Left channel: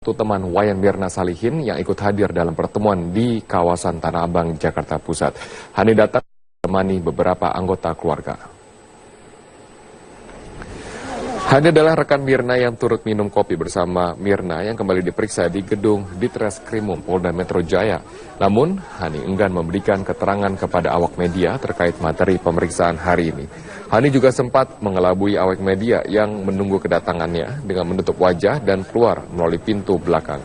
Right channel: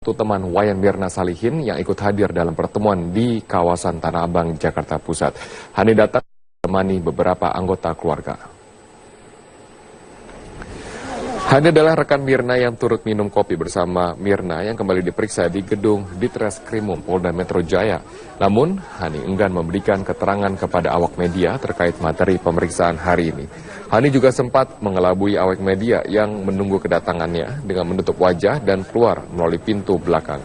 Satu teman Wayan Mirna Salihin yang ikut hadir dalam pertemuan di kawasan Tanah Abang, Jakarta Pusat. Hani datang menemani beberapa anggota keluarga. Hani adalah rekan Mirna yang turut minum kopi bersama Mirna yang kembali diperiksa di gedung Ditreskrimum Polda Metro Jaya. Namun, Hani enggan memberikan keterangan kepada awak media terkait materi pemeriksaan hari ini. Hani juga sempat mengelabui awak media yang menunggu kedatangannya dengan menutup wajah dan keluar melalui pintu belakang.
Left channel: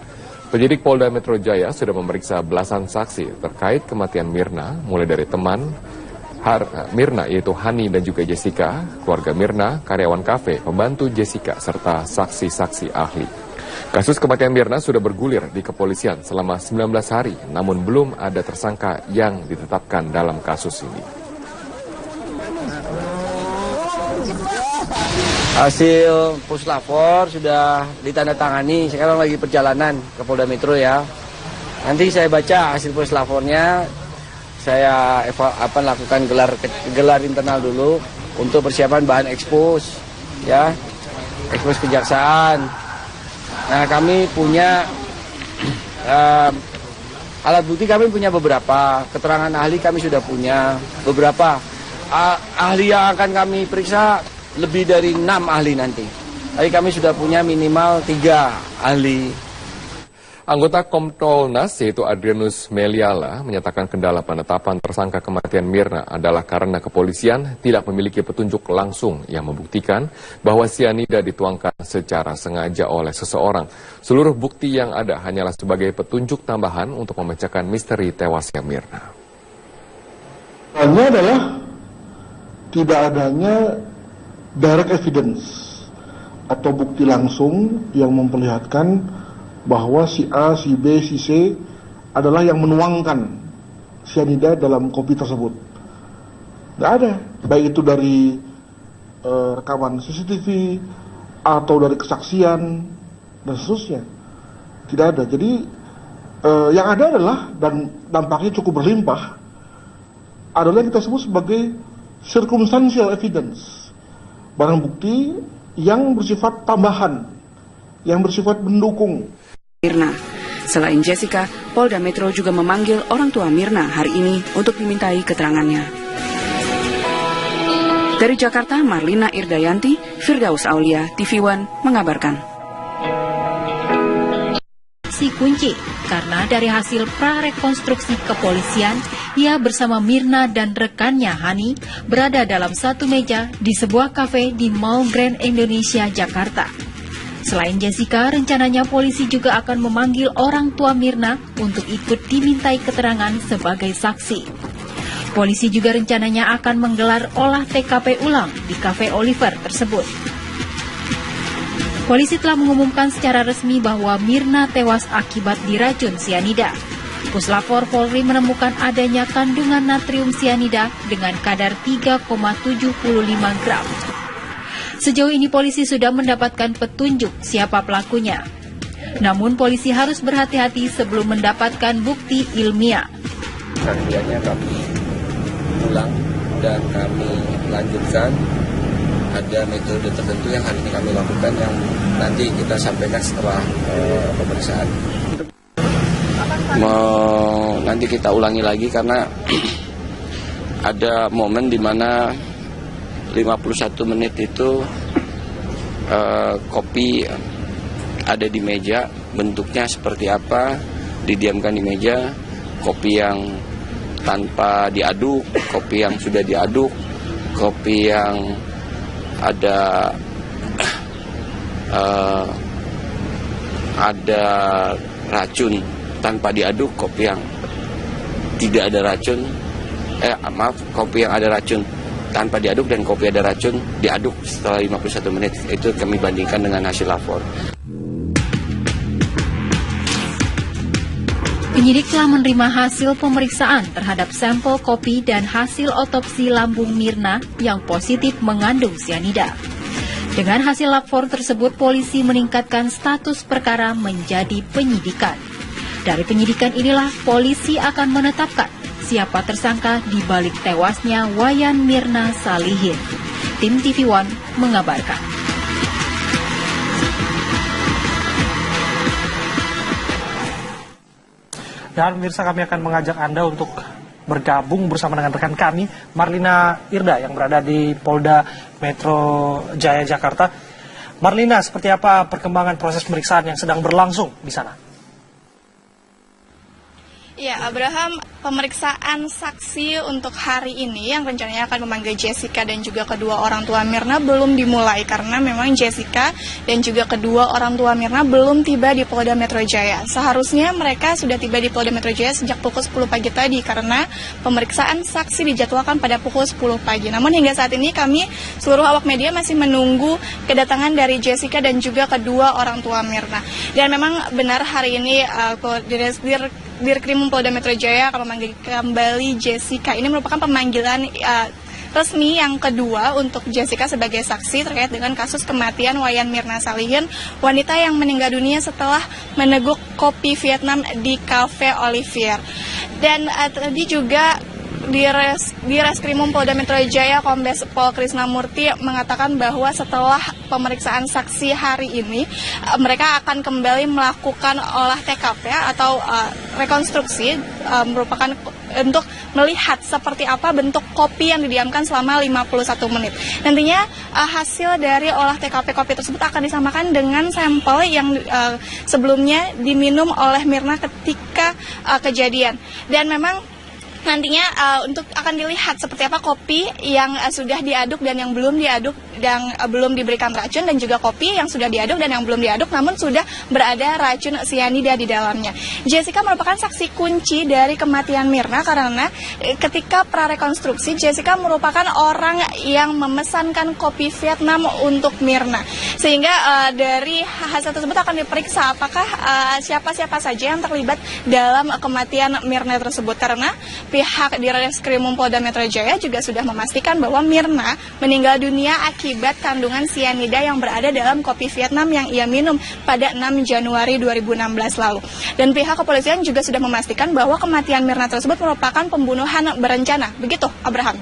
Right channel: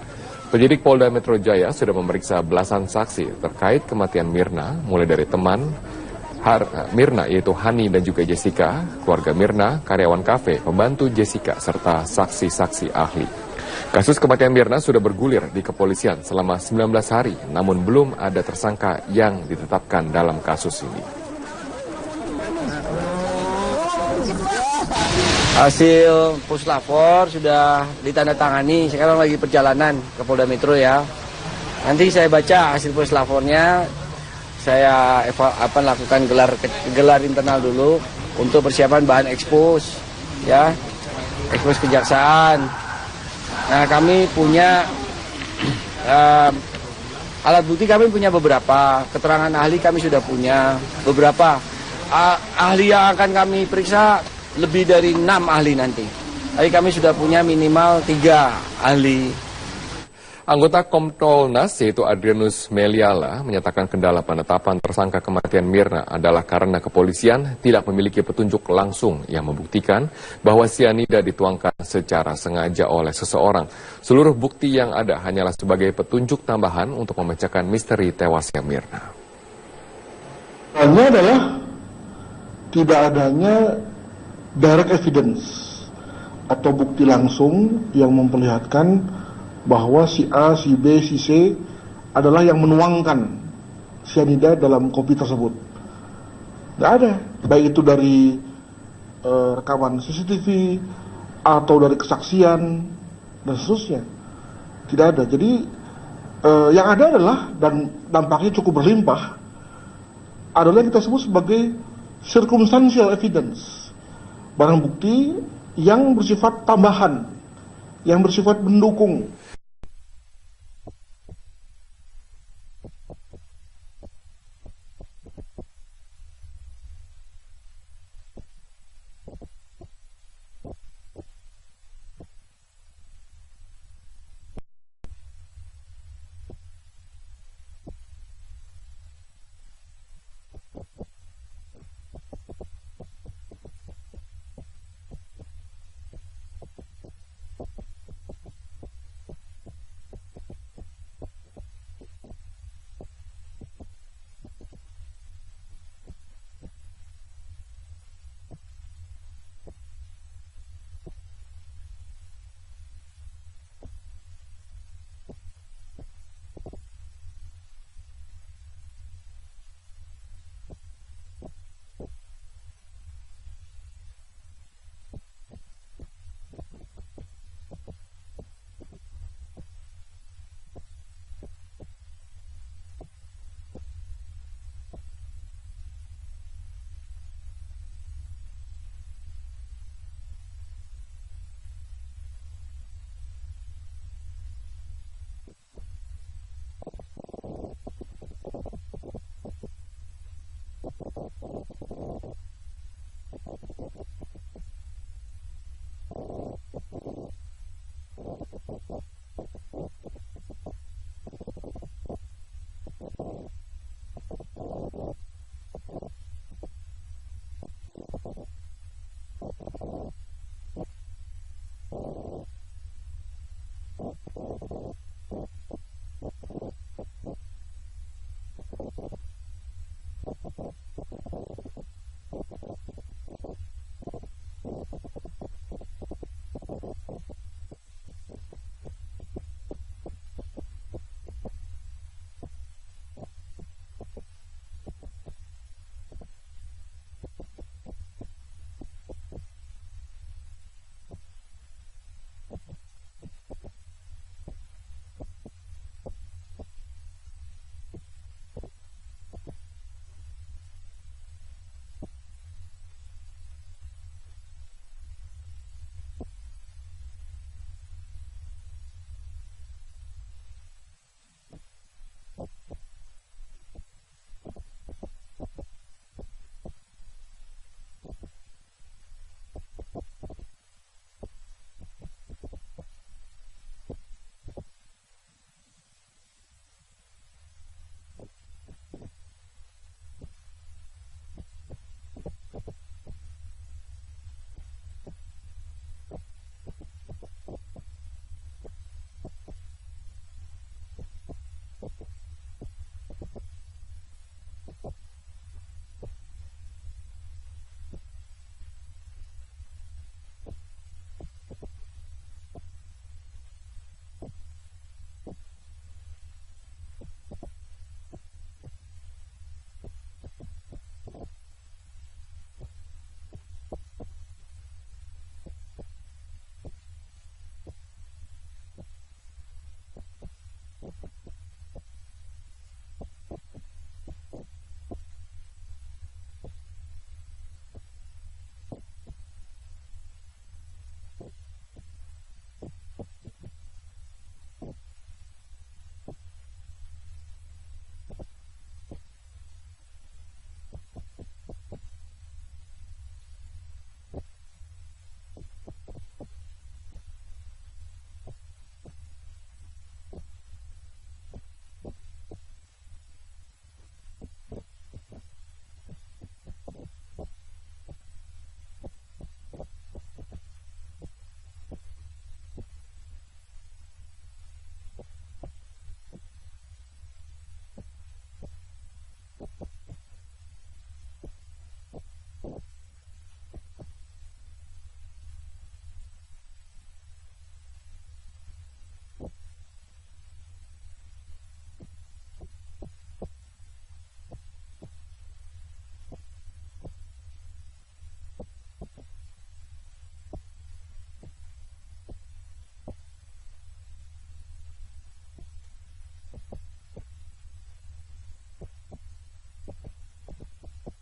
Penyidik Polda Metro Jaya sudah memeriksa belasan saksi terkait kematian Mirna, mulai dari teman Mirna yaitu Hani dan juga Jessica, keluarga Mirna, karyawan kafe, pembantu Jessica, serta saksi-saksi ahli. Kasus kematian Mirna sudah bergulir di kepolisian selama 19 hari, namun belum ada tersangka yang ditetapkan dalam kasus ini. Hasil puslapor sudah ditandatangani, sekarang lagi perjalanan ke Polda Metro ya. Nanti saya baca hasil puslapornya. Saya lakukan gelar internal dulu untuk persiapan bahan ekspos, ya, ekspos kejaksaan. Nah, kami punya alat bukti, kami punya beberapa, keterangan ahli kami sudah punya beberapa. Ahli yang akan kami periksa lebih dari 6 ahli nanti. Tapi kami sudah punya minimal 3 ahli. Anggota Kompolnas yaitu Adrianus Meliala menyatakan kendala penetapan tersangka kematian Mirna adalah karena kepolisian tidak memiliki petunjuk langsung yang membuktikan bahwa sianida dituangkan secara sengaja oleh seseorang. Seluruh bukti yang ada hanyalah sebagai petunjuk tambahan untuk memecahkan misteri tewasnya Mirna. Hanya adalah tidak adanya direct evidence atau bukti langsung yang memperlihatkan bahwa si A, si B, si C adalah yang menuangkan sianida dalam kopi tersebut. Tidak ada, baik itu dari rekaman CCTV atau dari kesaksian dan seterusnya. Tidak ada. Jadi yang ada adalah, dan dampaknya cukup berlimpah, adalah yang kita sebut sebagai circumstantial evidence, barang bukti yang bersifat tambahan, yang bersifat mendukung. Mirna. Selain Jessica, Polda Metro juga memanggil orang tua Mirna hari ini untuk dimintai keterangannya. Dari Jakarta, Marlina Irdayanti, Firdaus Aulia, TV One mengabarkan. Si kunci, karena dari hasil prarekonstruksi kepolisian, ia bersama Mirna dan rekannya Hani berada dalam satu meja di sebuah kafe di Mall Grand Indonesia, Jakarta. Selain Jessica, rencananya polisi juga akan memanggil orang tua Mirna untuk ikut dimintai keterangan sebagai saksi. Polisi juga rencananya akan menggelar olah TKP ulang di Cafe Oliver tersebut. Polisi telah mengumumkan secara resmi bahwa Mirna tewas akibat diracun sianida. Puslapor Polri menemukan adanya kandungan natrium sianida dengan kadar 3,75 gram. Sejauh ini polisi sudah mendapatkan petunjuk siapa pelakunya. Namun polisi harus berhati-hati sebelum mendapatkan bukti ilmiah. Kesaksiannya kami ulang dan kami lanjutkan. Ada metode tertentu yang hari ini kami lakukan yang nanti kita sampaikan setelah pemeriksaan. Nanti kita ulangi lagi karena ada momen di mana 51 menit itu kopi ada di meja, bentuknya seperti apa, didiamkan di meja, kopi yang tanpa diaduk, kopi yang sudah diaduk, kopi yang ada racun tanpa diaduk, kopi yang tidak ada racun, kopi yang ada racun tanpa diaduk dan kopi ada racun diaduk setelah 51 menit. Itu kami bandingkan dengan hasil lapor. Penyidik telah menerima hasil pemeriksaan terhadap sampel kopi dan hasil otopsi lambung Mirna yang positif mengandung sianida. Dengan hasil lapor tersebut, polisi meningkatkan status perkara menjadi penyidikan. Dari penyidikan inilah polisi akan menetapkan siapa tersangka di balik tewasnya Wayan Mirna Salihin. Tim TV One mengabarkan. Dan pemirsa, kami akan mengajak Anda untuk bergabung bersama dengan rekan kami, Marlina Irda, yang berada di Polda Metro Jaya, Jakarta. Marlina, seperti apa perkembangan proses pemeriksaan yang sedang berlangsung di sana? Ya, Abraham, pemeriksaan saksi untuk hari ini yang rencananya akan memanggil Jessica dan juga kedua orang tua Mirna belum dimulai karena memang Jessica dan juga kedua orang tua Mirna belum tiba di Polda Metro Jaya. Seharusnya mereka sudah tiba di Polda Metro Jaya sejak pukul 10 pagi tadi karena pemeriksaan saksi dijadwalkan pada pukul 10 pagi. Namun hingga saat ini kami seluruh awak media masih menunggu kedatangan dari Jessica dan juga kedua orang tua Mirna. Dan memang benar hari ini Dirkrim Polda Metro Jaya akan memanggil kembali Jessica. Ini merupakan pemanggilan resmi yang kedua untuk Jessica sebagai saksi terkait dengan kasus kematian Wayan Mirna Salihin, wanita yang meninggal dunia setelah meneguk kopi Vietnam di Cafe Olivier. Dan tadi juga di Reskrimum Polda Metro Jaya, Kombes Pol Krisnamurti mengatakan bahwa setelah pemeriksaan saksi hari ini, mereka akan kembali melakukan olah TKP atau rekonstruksi, merupakan untuk melihat seperti apa bentuk kopi yang didiamkan selama 51 menit. Nantinya hasil dari olah TKP kopi tersebut akan disamakan dengan sampel yang sebelumnya diminum oleh Mirna ketika kejadian. Dan memang nantinya untuk akan dilihat seperti apa kopi yang sudah diaduk dan yang belum diaduk dan belum diberikan racun, dan juga kopi yang sudah diaduk dan yang belum diaduk namun sudah berada racun sianida di dalamnya. Jessica merupakan saksi kunci dari kematian Mirna karena ketika prarekonstruksi Jessica merupakan orang yang memesankan kopi Vietnam untuk Mirna. Sehingga dari hasil tersebut akan diperiksa apakah siapa-siapa saja yang terlibat dalam kematian Mirna tersebut, karena pihak di Reskrimum Polda Metro Jaya juga sudah memastikan bahwa Mirna meninggal dunia akibat kandungan sianida yang berada dalam kopi Vietnam yang ia minum pada 6 Januari 2016 lalu. Dan pihak kepolisian juga sudah memastikan bahwa kematian Mirna tersebut merupakan pembunuhan berencana. Begitu, Abraham.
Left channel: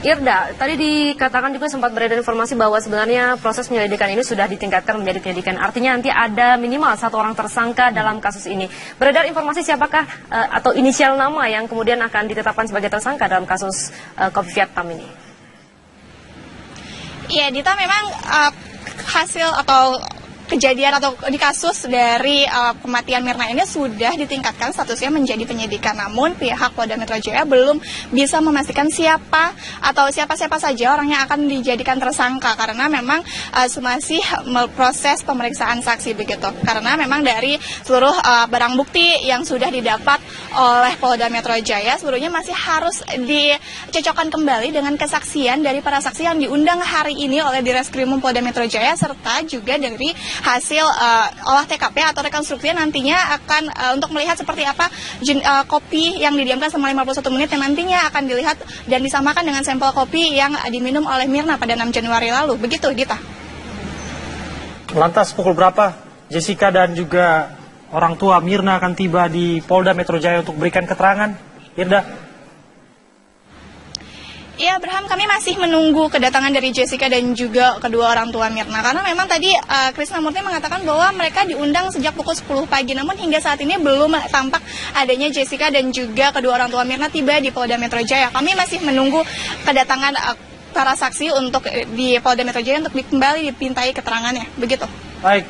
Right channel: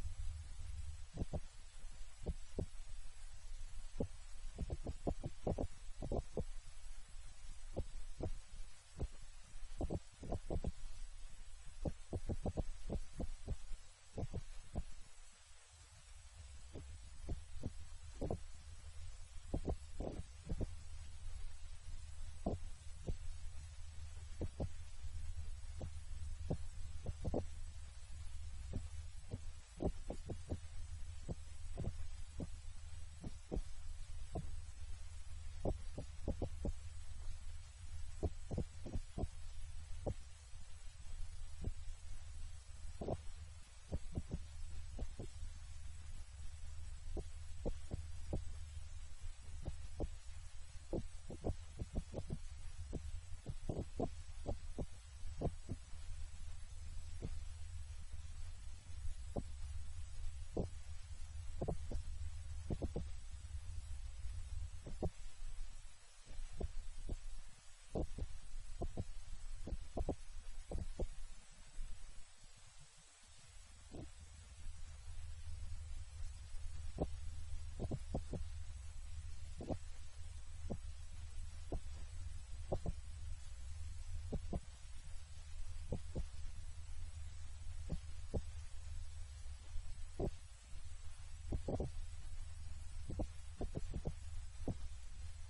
Irda, tadi dikatakan juga sempat beredar informasi bahwa sebenarnya proses penyelidikan ini sudah ditingkatkan menjadi penyelidikan. Artinya nanti ada minimal 1 orang tersangka dalam kasus ini. Beredar informasi siapakah atau inisial nama yang kemudian akan ditetapkan sebagai tersangka dalam kasus kopi Vietnam ini? Iya, Dita, memang hasil atau kejadian atau di kasus dari kematian Mirna ini sudah ditingkatkan statusnya menjadi penyidikan. Namun pihak Polda Metro Jaya belum bisa memastikan siapa atau siapa-siapa saja orang yang akan dijadikan tersangka karena memang masih proses pemeriksaan saksi begitu. Karena memang dari seluruh barang bukti yang sudah didapat oleh Polda Metro Jaya seluruhnya masih harus dicocokkan kembali dengan kesaksian dari para saksi yang diundang hari ini oleh Direskrimum Polda Metro Jaya serta juga dari hasil olah TKP atau rekonstruksi nantinya akan untuk melihat seperti apa kopi yang didiamkan selama 51 menit yang nantinya akan dilihat dan disamakan dengan sampel kopi yang diminum oleh Mirna pada 6 Januari lalu. Begitu, Dita. Lantas pukul berapa Jessica dan juga orang tua Mirna akan tiba di Polda Metro Jaya untuk berikan keterangan? Irda? Ya, Abraham, kami masih menunggu kedatangan dari Jessica dan juga kedua orang tua Mirna. Karena memang tadi Krisnamurti mengatakan bahwa mereka diundang sejak pukul 10 pagi. Namun hingga saat ini belum tampak adanya Jessica dan juga kedua orang tua Mirna tiba di Polda Metro Jaya. Kami masih menunggu kedatangan para saksi untuk di Polda Metro Jaya untuk kembali dipintai keterangannya. Begitu. Baik,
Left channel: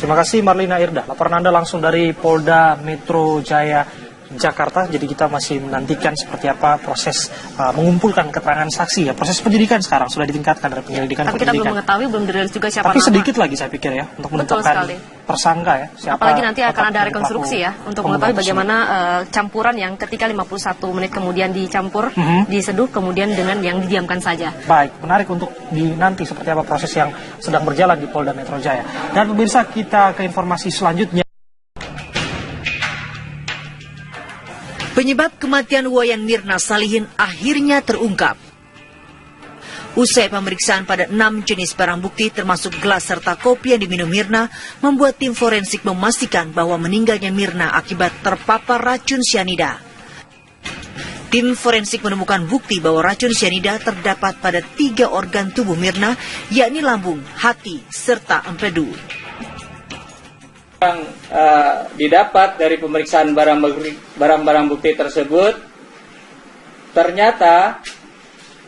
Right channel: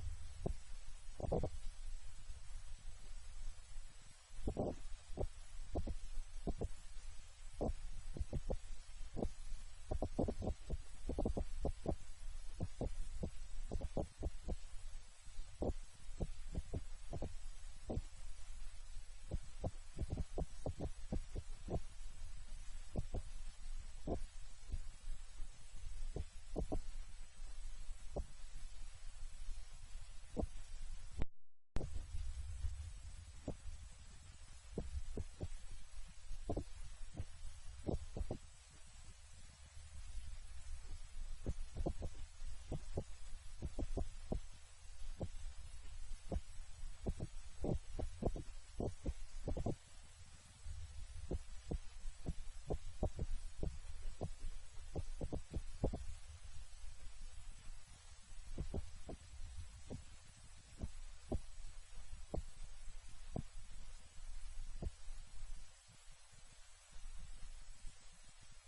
terima kasih Marlina Irda. Laporan Anda langsung dari Polda Metro Jaya, Jakarta. Jadi kita masih menantikan seperti apa proses mengumpulkan keterangan saksi ya. Proses penyidikan sekarang sudah ditingkatkan dari penyelidikan. Tapi kita belum mengetahui, belum dirilis juga siapa Tapi nama. sedikit lagi saya pikir ya untuk menentukan tersangka ya. Siapa. Apalagi nanti akan ada rekonstruksi ya untuk mengetahui bagaimana campuran yang ketika 51 menit kemudian dicampur, diseduh kemudian dengan yang didiamkan saja. Baik, menarik untuk dinanti seperti apa proses yang sedang berjalan di Polda Metro Jaya. Dan pemirsa, kita ke informasi selanjutnya. Penyebab kematian Wayan Mirna Salihin akhirnya terungkap. Usai pemeriksaan pada 6 jenis barang bukti termasuk gelas serta kopi yang diminum Mirna, membuat tim forensik memastikan bahwa meninggalnya Mirna akibat terpapar racun sianida. Tim forensik menemukan bukti bahwa racun sianida terdapat pada 3 organ tubuh Mirna, yakni lambung, hati, serta empedu. Yang didapat dari pemeriksaan barang-barang bukti tersebut, ternyata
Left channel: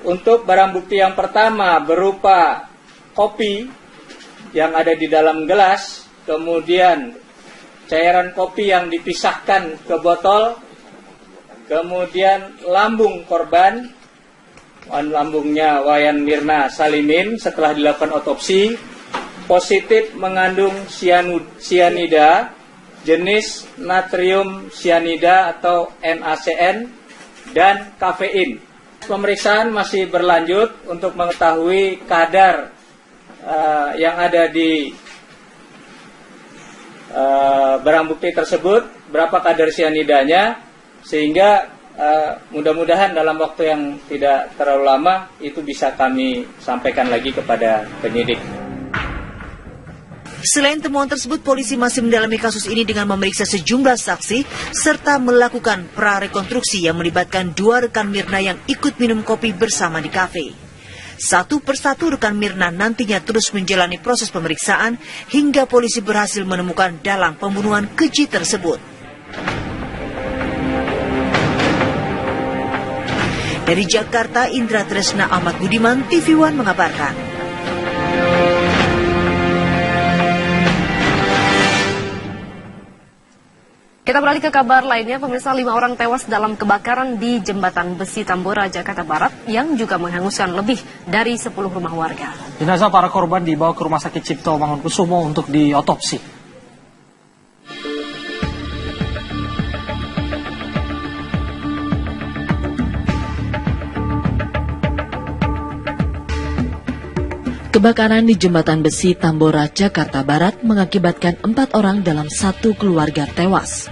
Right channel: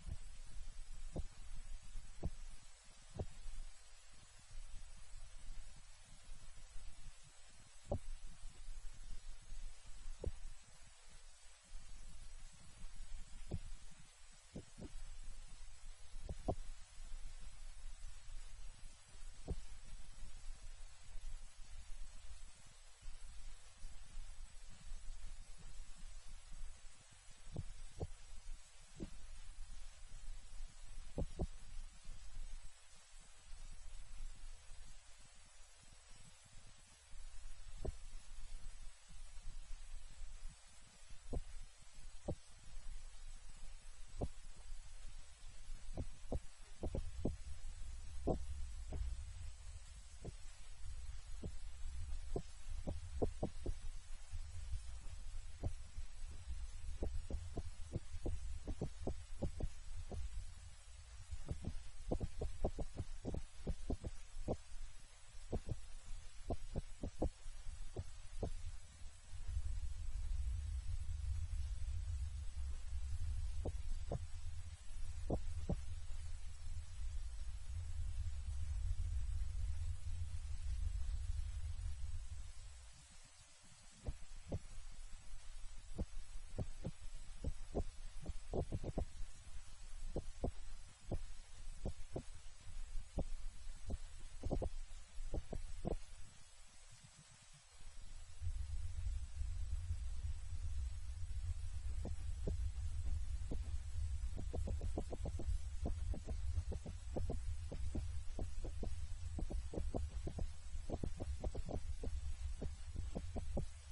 untuk barang bukti yang pertama berupa kopi yang ada di dalam gelas, kemudian cairan kopi yang dipisahkan ke botol, kemudian lambung korban, lambungnya Wayan Mirna Salihin setelah dilakukan otopsi, positif mengandung sianida jenis natrium sianida atau NaCN dan kafein. Pemeriksaan masih berlanjut untuk mengetahui kadar yang ada di barang bukti tersebut, berapa kadar sianidanya, sehingga mudah-mudahan dalam waktu yang tidak terlalu lama itu bisa kami sampaikan lagi kepada penyidik. Selain temuan tersebut, polisi masih mendalami kasus ini dengan memeriksa sejumlah saksi serta melakukan prarekonstruksi yang melibatkan 2 rekan Mirna yang ikut minum kopi bersama di kafe. Satu persatu rekan Mirna nantinya terus menjalani proses pemeriksaan hingga polisi berhasil menemukan dalang pembunuhan keji tersebut. Dari Jakarta, Indra Tresna Ahmad Budiman, TV One mengabarkan. Kita beralih ke kabar lainnya, pemirsa, 5 orang tewas dalam kebakaran di Jembatan Besi Tambora, Jakarta Barat yang juga menghanguskan lebih dari 10 rumah warga. Jenazah para korban dibawa ke Rumah Sakit Cipto Mangunkusumo untuk diotopsi. Kebakaran di Jembatan Besi Tambora, Jakarta Barat mengakibatkan 4 orang dalam satu keluarga tewas.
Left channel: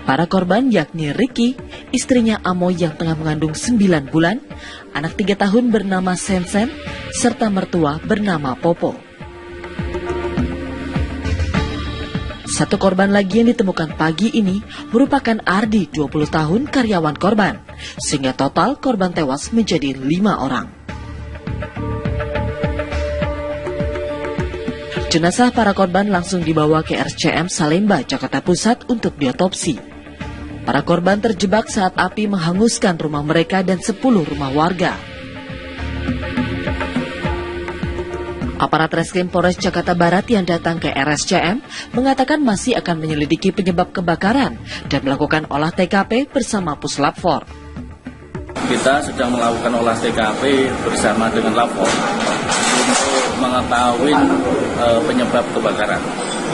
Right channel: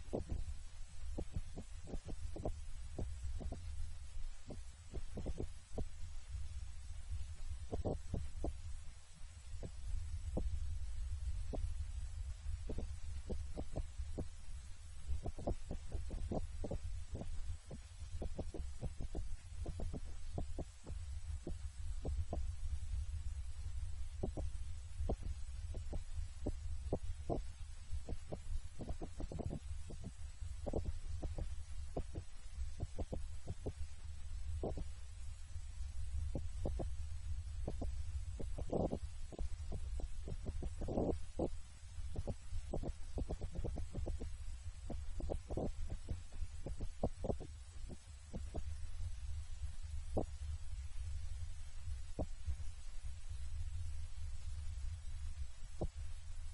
Para korban yakni Ricky, istrinya Amo yang tengah mengandung 9 bulan, anak 3 tahun bernama Sensen, serta mertua bernama Popo. Satu korban lagi yang ditemukan pagi ini merupakan Ardi, 20 tahun, karyawan korban, sehingga total korban tewas menjadi 5 orang. Jenazah para korban langsung dibawa ke RSCM Salemba, Jakarta Pusat untuk diotopsi. Para korban terjebak saat api menghanguskan rumah mereka dan 10 rumah warga. Aparat Reskrim Polres Jakarta Barat yang datang ke RSCM mengatakan masih akan menyelidiki penyebab kebakaran dan melakukan olah TKP bersama Puslap 4. Kita sedang melakukan olah TKP bersama dengan Lapor untuk mengetahui penyebab kebakaran.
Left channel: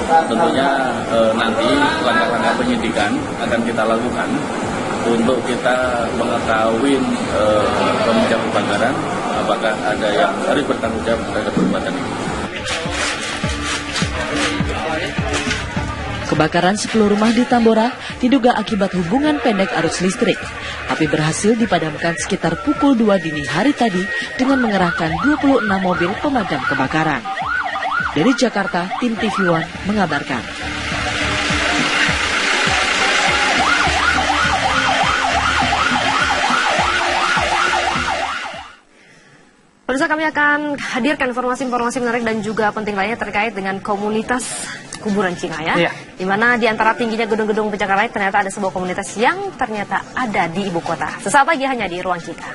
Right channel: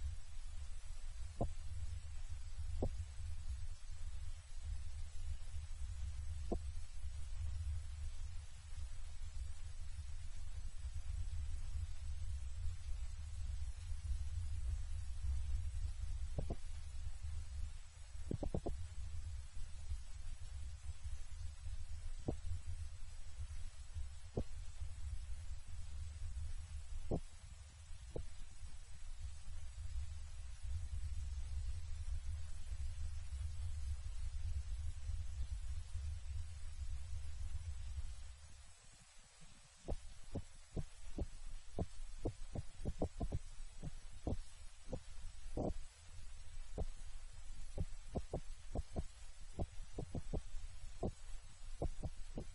Tentunya nanti langkah-langkah penyidikan akan kita lakukan untuk kita mengetahui penyebab kebakaran, apakah ada yang harus bertanggung jawab terhadap perbuatan ini. Kebakaran 10 rumah di Tambora diduga akibat hubungan pendek arus listrik. Api berhasil dipadamkan sekitar pukul 2 dini hari tadi dengan mengerahkan 26 mobil pemadam kebakaran. Dari Jakarta, tim TV One mengabarkan. Pemirsa, kami akan hadirkan informasi-informasi menarik dan juga penting lainnya terkait dengan komunitas kuburan Cina ya. Iya. Di mana di antara tingginya gedung-gedung pencakar langit ternyata ada sebuah komunitas yang ternyata ada di ibu kota. Sesaat lagi hanya di Ruang Cika.